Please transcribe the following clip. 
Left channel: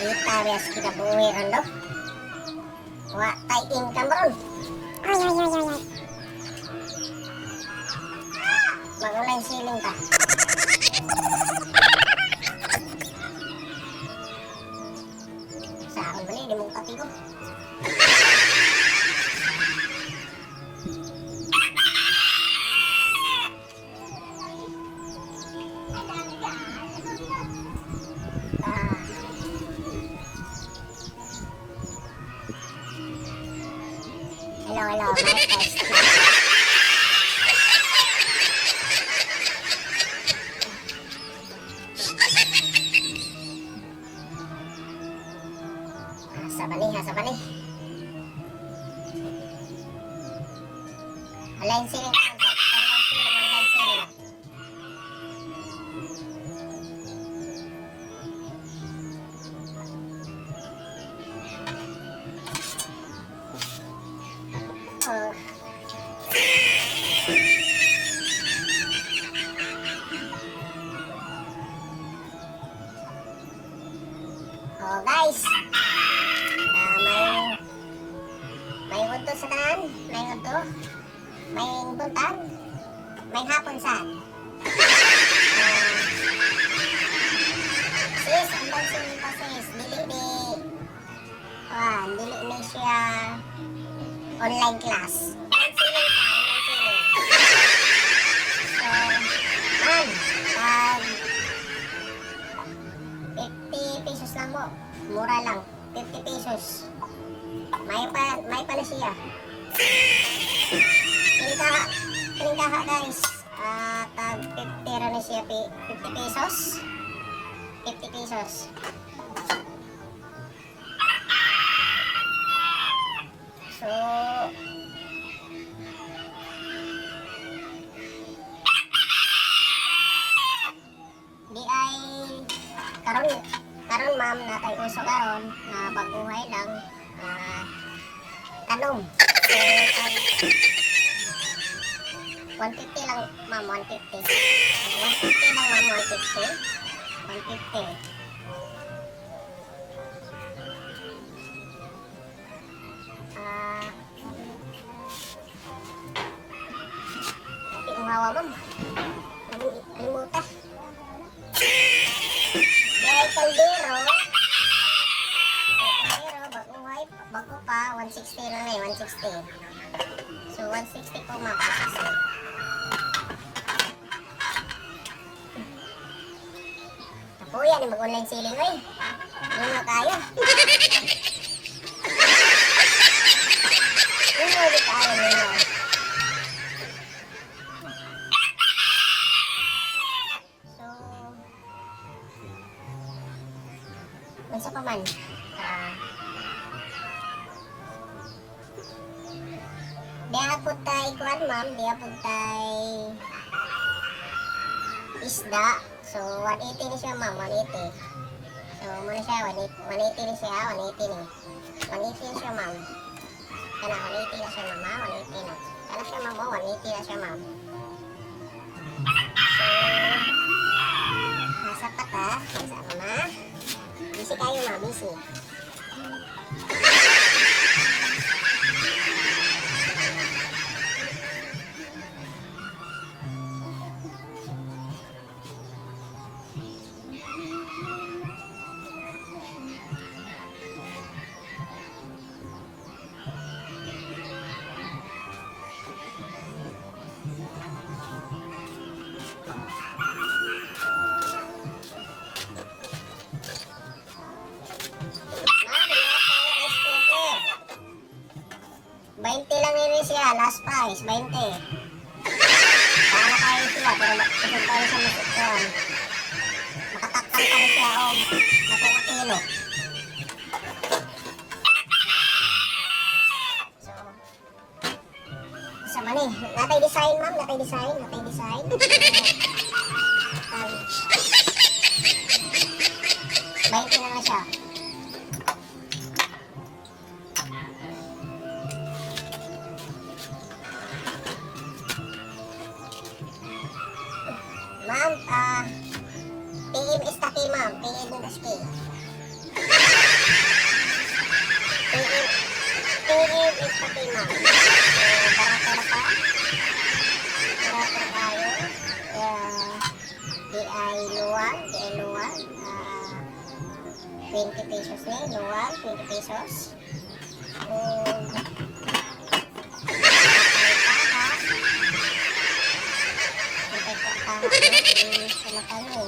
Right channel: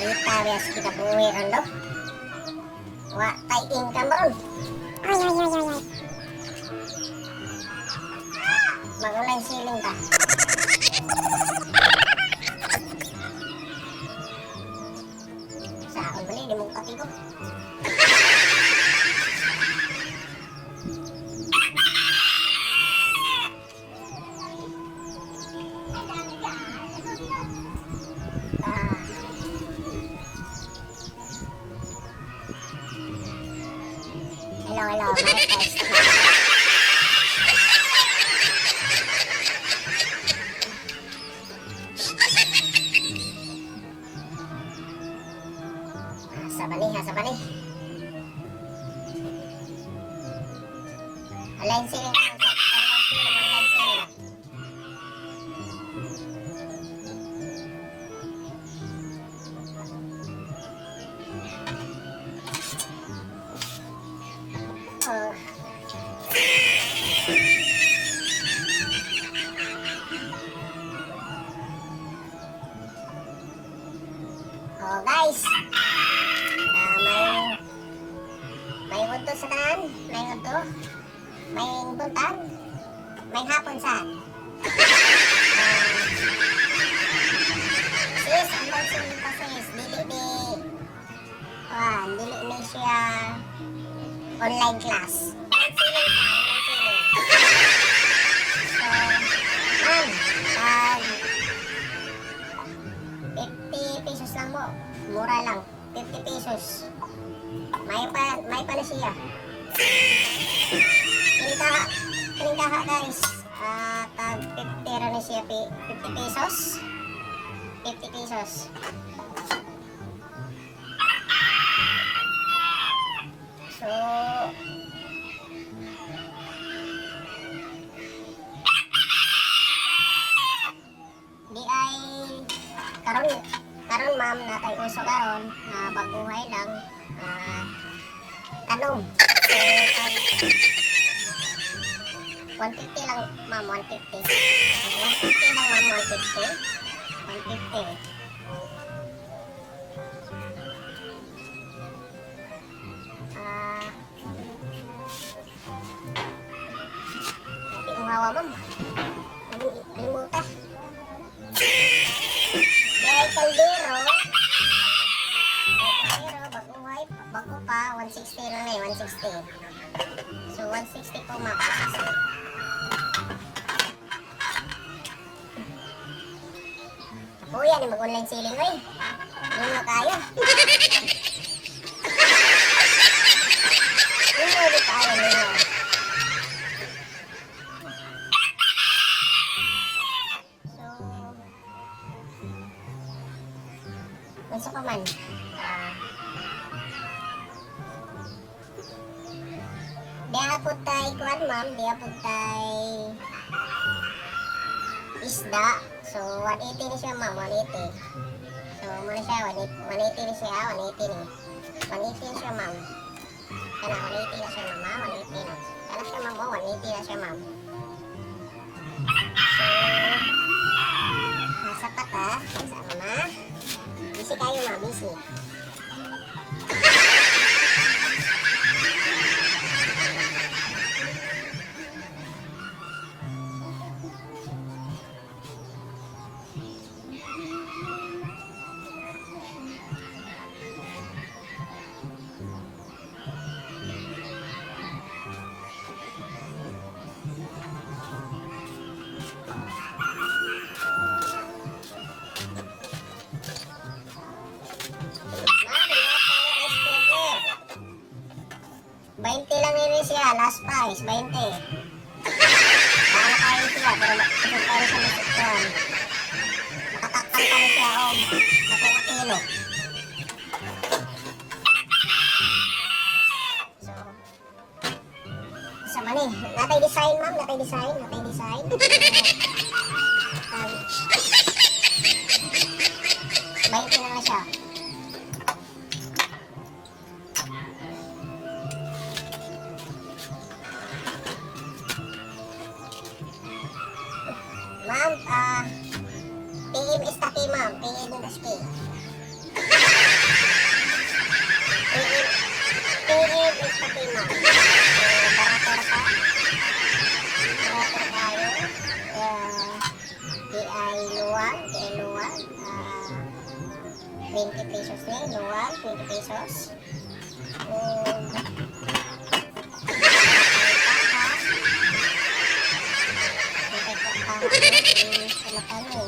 Kita bias kita buir ando. Wah, tay income ron. Ay. Bagaimana siling ka? Sa akin bali, di mo kapi ko. Hello. Sa balik. Alain sila. Oh guys, may unto sa daan, may buntag, may hapon sa sis, ang pagsulit pa sis, hindi siya online class. Mura lang, 50 pesos. May pala siya. Tindahan guys. Tag 50 na siya, 50 pesos. 50 pesos. So, di ay karon ma'am natay uso karon pagbuhay lang ano 150 lang ma'am 150 lang ma'am 150 ikaw hawa mo ano mo ka dahil kung dito bago pa 160 na eh 160 so 160 po ma'am 160 kuya na mag-online selling ngayon hindi na kaya so pa man diya po tayo kuhan ma'am diya po tayo isda so 180 na siya ma'am 180 so muna siya 180 na siya 180 na siya ma'am 180 na siya ma'am 180 na siya ma'am 180 na siya ma'am so nasa kata sama busy tayo ma'am busy $20 lang yun siya, last price, 20. Nakakakain siya, nakakakain siya na ito. Nakatakpan pa rin siya, nakakakilo. Sa mali, natay design ma'am, natay design. Baik na naman siya. Ma'am, PM is taki ma'am, PM is taki. Pili biscuit mo. Para sa di ay luwa, 20 pesos na yun, luwa, 20 pesos. Silakan mo,